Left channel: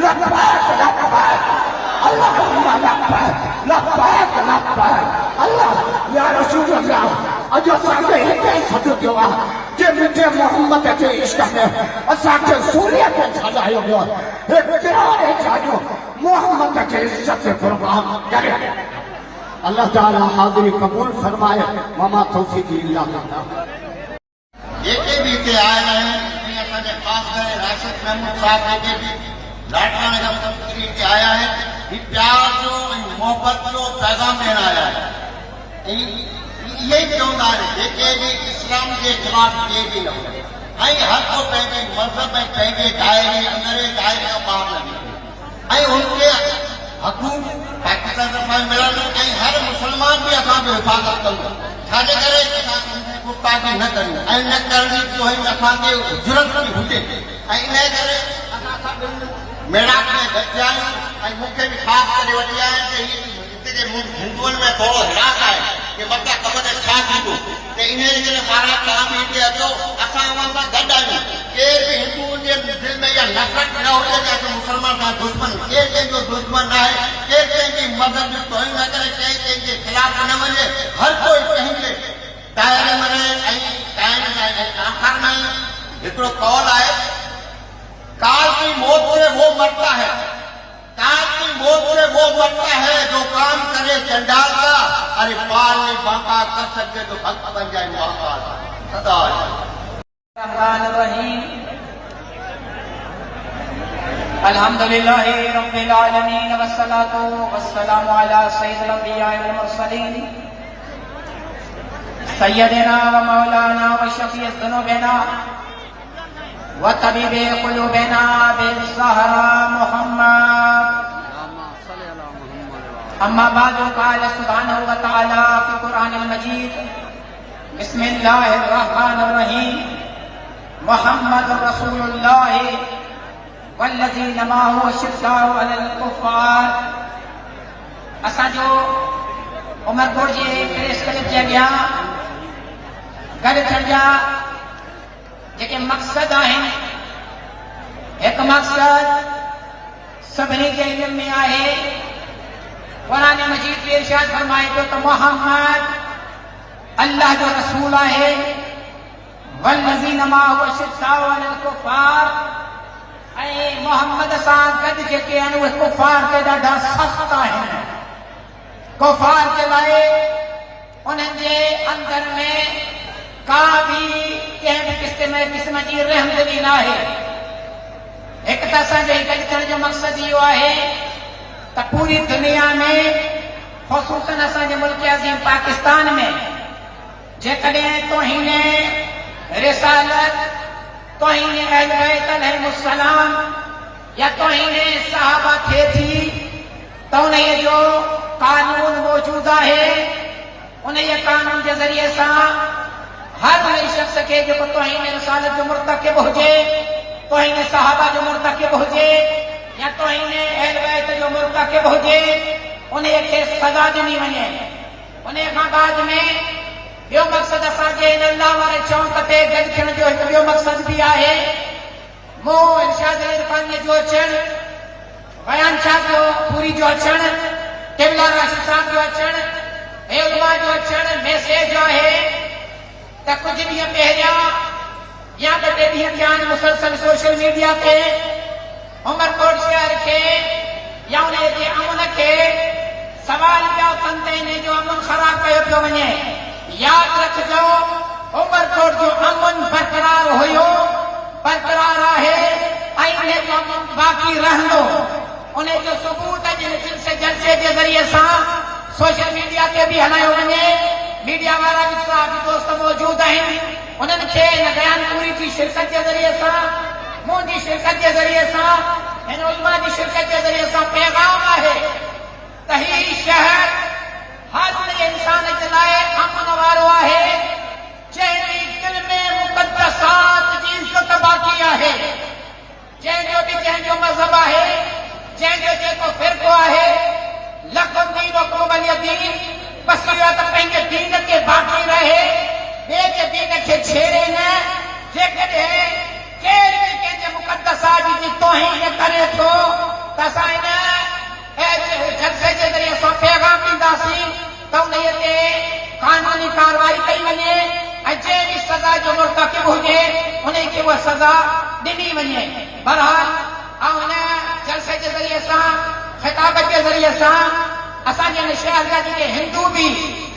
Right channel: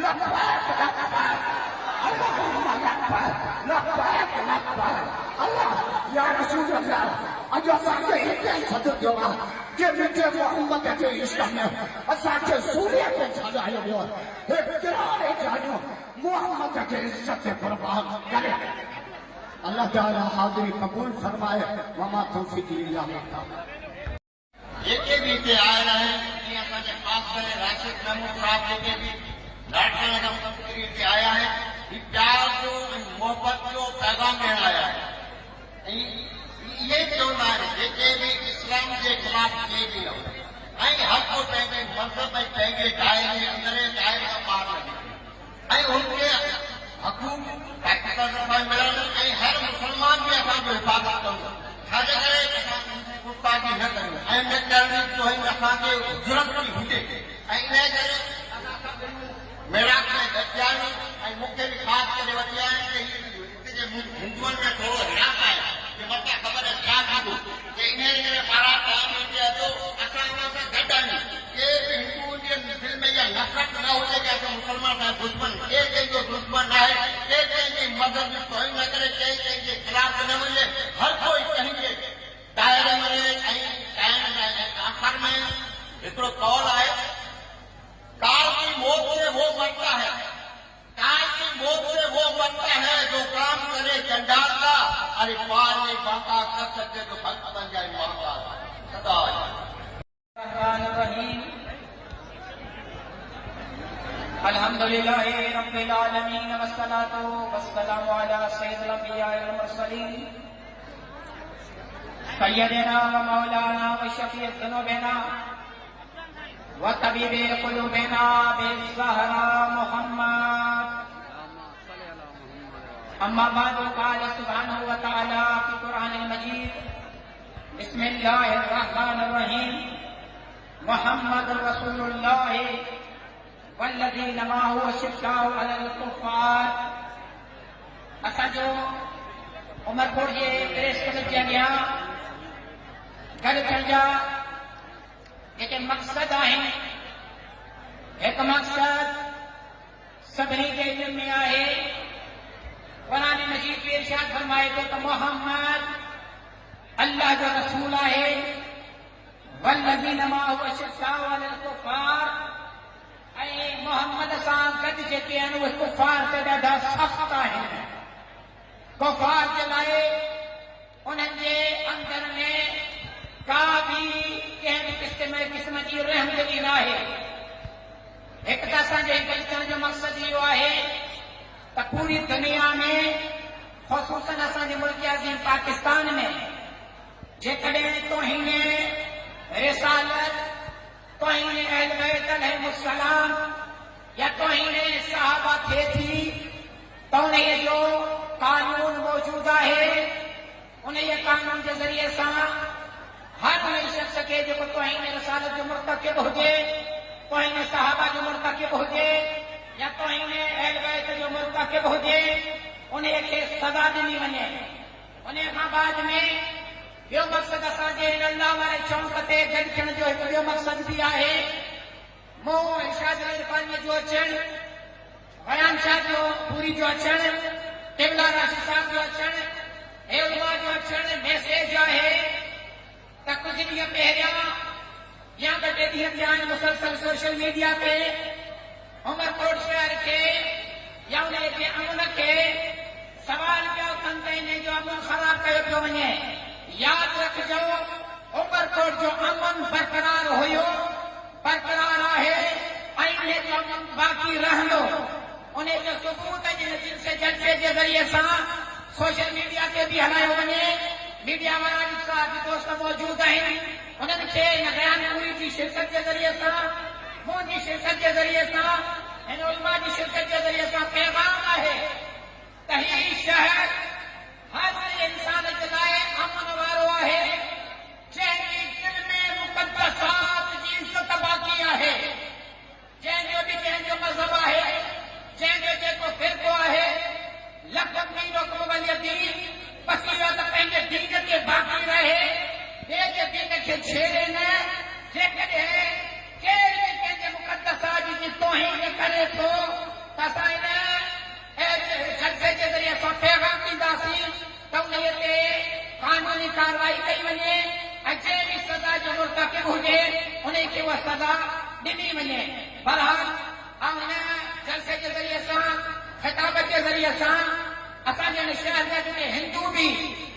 लब्बैक लब्बैक अल्लाहुम्मा लब्बैक लब्बैक लब्बैक अल्लाह या रसूल अल्लाह अॼु असांखे हिते सॾु कयो आहे जे मुंहिंजे मोहम्मद जे इश्क में असांखे सूर्य ते छॾायो वियो हे प्यारे जानियो मोहम्मद जे इज़्ज़त कुर्बान करे अल्लाह ताला हाज़िरी कबूल फरमाए मामा तौफीक़ अल्लाह जेके भी हिते आयल आहिनि जीअं असांजे ख़ासि करे राशिद महमूद साहब जेके बि लाडला नगर तकरीर ते आया आहिनि ही प्यार जो ऐं मोहबत जो पैगाम ॾियण आया आहिनि ऐं इहे ई चवंदा आहिनि जेके बि इस्लाम जे ख़िलाफ़ थिए बि न ऐं हर को पंहिंजे मज़हब ऐं पंहिंजे दायरे अंदरि दायरे खां ॿाहिरि न निकिरे ऐं उनखे हक़ूक़ पाकिस्तान तरफ़ां मिलनि ऐं हर मुस्लमान बि असांजो हिफ़ाज़त कंदो छाजे करे गुस्ताखी न करियूं ऐं न करणी जो है असांखे ज़रूरत बि हुजे ऐं इन करे असां सभु मेड़ाक में गॾिजा आहियूं ऐं मूंखे बि ख़ासि करे वठी आया आहिनि कि हिते जे हिंदुअनि में थोरो हिराक आहे कि मथां ख़बर छा थींदो त इन करे पारां तव्हां बि हिते अचो असां उन सां गॾु आहियूं केर बि हिंदुअनि जे दिलि में इहा नफ़रत न हुजे कि असां मुस्लमान सां दुश्मन केर कंहिंजो दुश्मन न आहे केर कंहिंजी मज़हब जो तोहिन न करे केर कंहिंजे ख़िलाफ़ न वञे हर कोई पंहिंजे दायरे में रहे ऐं आख़िर में हिकिड़ो कौल आहे काल की मौत से वो मरता है काल की मौत से वो मरता है जो काम करे चंडाल का अरे पार नहीं बांका कर सके तो भक्त बन जाए महाकाल सदा रहमान रहीम अल्हम्दुलिल्लाहि रब्बिल आलमीन वस्सलातु वस्सलामु अला सय्यिदिल अंबिया वल मुरसलीन सय्यदना व मौलाना व शफीअ ज़ुनूबिना व तबीबे क़ुलूबिना बिज़हरा मुहम्मद अम्मा बादु क़ाल सुब्हानहु व तआला फ़ी क़ुरआनिल मजीद बिस्मिल्लाहिर रहमानिर रहीम मुहम्मदुर रसूलुल्लाह वल्लज़ीना माअहु अशिद्दाउ अलल कुफ़ार असांजो उमरकोट जे प्रेस क्लब जे अॻियां गॾु थियण जा जेके मक़सद आहिनि हिकु मक़सद सभिनी जे इल्म में आहे क़ुरान मजीद में इरशाद फरमाए थो त मुहम्मद अल्लाह जो रसूल आहे वल्लज़ीना माअहु अशिद्दाउ अलल कुफ़ार ऐं मोहम्मद सां गॾु जेके आहिनि उहे कुफ़ार ते ॾाढा सख़्त आहिनि कुफ़ार के लाए उन्हनि जे अंदर में का भी कंहिं बि क़िस्म जी रहमदिली न आहे हिकु त असांजे गॾु थियण जो मक़सदु इहो आहे त पूरी दुनिया में ख़ुसूसन असांजे मुल्क अज़ीम पाकिस्तान में जेकॾहिं तौहीन रिसालत तौहीन अहल बैत अलैहिमुस्सलाम या तौहीन सहाबा थिए थी त उन जो कानून मौजूद है उन कानून के जरिए से हर उन शख्स के जो तौहीन रिसालत जो मुर्तकिब हुजे तौहीन सहाबा जो मुर्तकिब हुजे या तौहीन अहल बैत जो मुर्तकिब हुजे उन के सजा दी वने उन बाद में यो मकसद असांजे इन अल्लाह वारे चौंक ते गॾु थियण जो हिकु ॿियो मक़सद भी आहे मो इरशाद इरफान जो अचण बयान शाह जो पूरी जो अचण क़िबला राशिद साहब जो अचण उलमा जो अचण मैसेज है त कुछ ॾींहं पहिरियां या ॿ टे ॾींहं थिया आहिनि मुसलसल सोशल मीडिया ते उमरकोट शहर के या उन जे अमन के सवाल पिया कनि त इन जो अमन ख़राब कयो पियो वञे यादि रखिजो उमरकोट जो अमन बरक़रार हुयो बरक़रार आहे ऐं इन जो अमन बाक़ी रहंदो उन जो सबूत जलसे के जरिए से सोशल मीडिया ते भी हलायो वञे मीडिया वाला भी साहब दोस्त मौजूद आहिनि उन्हनि खे इन बयान पूरी की शिरकत के जरिए से मुंहिंजी शिरकत के जरिए से इन उलमा की शिरकत के जरिए से पैगाम है त ही शहर हर इंसान के लाए अमन वारो है जंहिंजी दिल में मुक़द्दसात जी इज़्ज़त बाक़ी है जंहिंजो भी जंहिंजो मज़हब है जंहिंजो जेको फ़िरक़ो है लकुम दीनुकुम वलिय दीन बस इहो त पंहिंजे दीन के बाक़ी रहे ॿिए जे दीन खे छेड़े न जेकॾहिं केर बि कंहिंजे मुक़द्दसात जी तौहीन करे थो त असां इन जलसे जे ज़रिए सां पैगाम ॾींदासीं त उन ते कानूनी कार्रवाई कई वञे ऐं जंहिं बि सज़ा जो मुर्तकिब हुजे उन खे उहा सज़ा ॾिनी वञे। बहरहाल हिन जलसे जे ज़रिए सां ख़िताब जे ज़रिए सां असांजे हिन शहर जा जेके हिंदू बि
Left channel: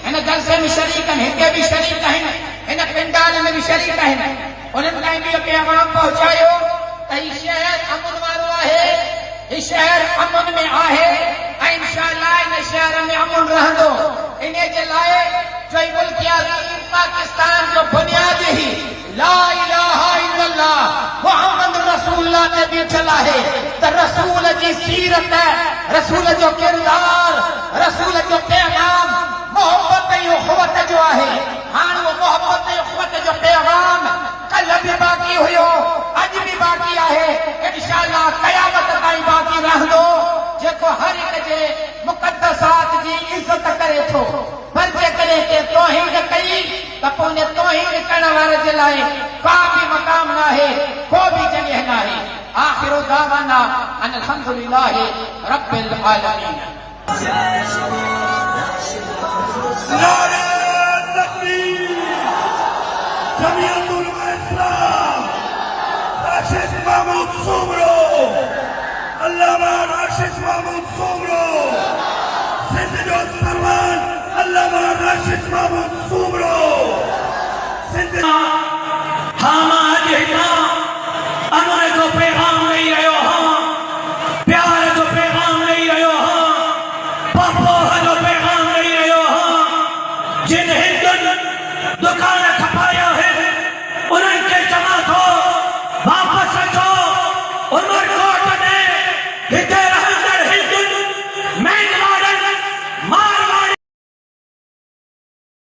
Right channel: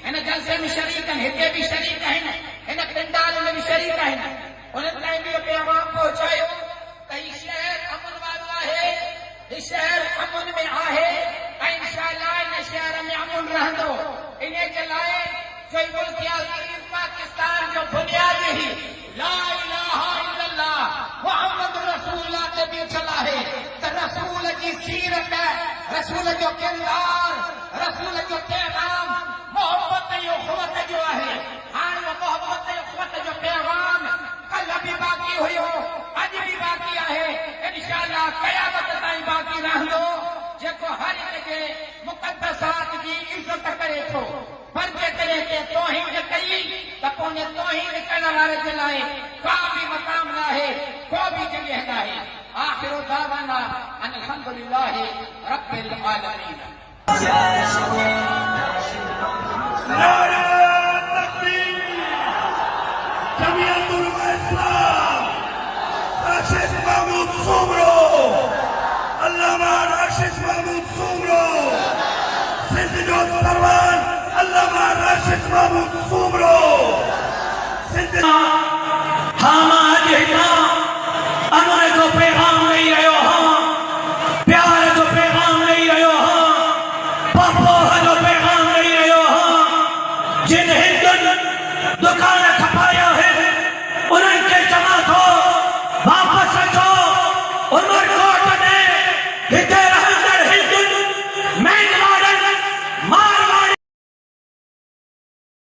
हिन जलसे में शरीक आहिनि, हिते बि शरीक आहिनि, हिन पिंडाल में बि शरीक आहिनि, उन्हनि ताईं बि पैगाम पहुचायो त हीउ शहर अमन वारो आहे, हीउ शहर अमन में आहे ऐं इंशाअल्लाह इन शहर में अमन रहंदो। इन जे लाइ जो मुल्क अज़ीम पाकिस्तान जो बुनियादी ही ला इलाहा इल्लल्लाह मुहम्मद रसूलुल्लाह ते बीठल आहे त रसूल जी सीरत, रसूल जो किरदार, रसूल जो पैगाम मोहब्बत ऐं उख़्वत जो आहे। हाणे उहो मोहब्बत ऐं उख़्वत जो पैगाम कल्ह बि बाक़ी हुयो, अॼु बि बाक़ी आहे, इंशाअल्लाह क़यामत ताईं बाक़ी रहंदो। जेको हर हिक जे मुक़द्दसात जी इज़त करे थो, पर जेकॾहिं के तौहीन कई त पोइ उन तौहीन करण वारे जे लाइ का बि मक़ाम न आहे, को बि जॻह न आहे। आख़िर दावाना अन अल्हम्दुलिल्लाहि रब्बिल आलमीन। जमीयतुल इस्लाम राशिद महमूद सुमरो, अल्लामा राशिद महमूद सुमरो, सिंध जो सरवर अल्लामा राशिद महमूद सुमरो, सिंध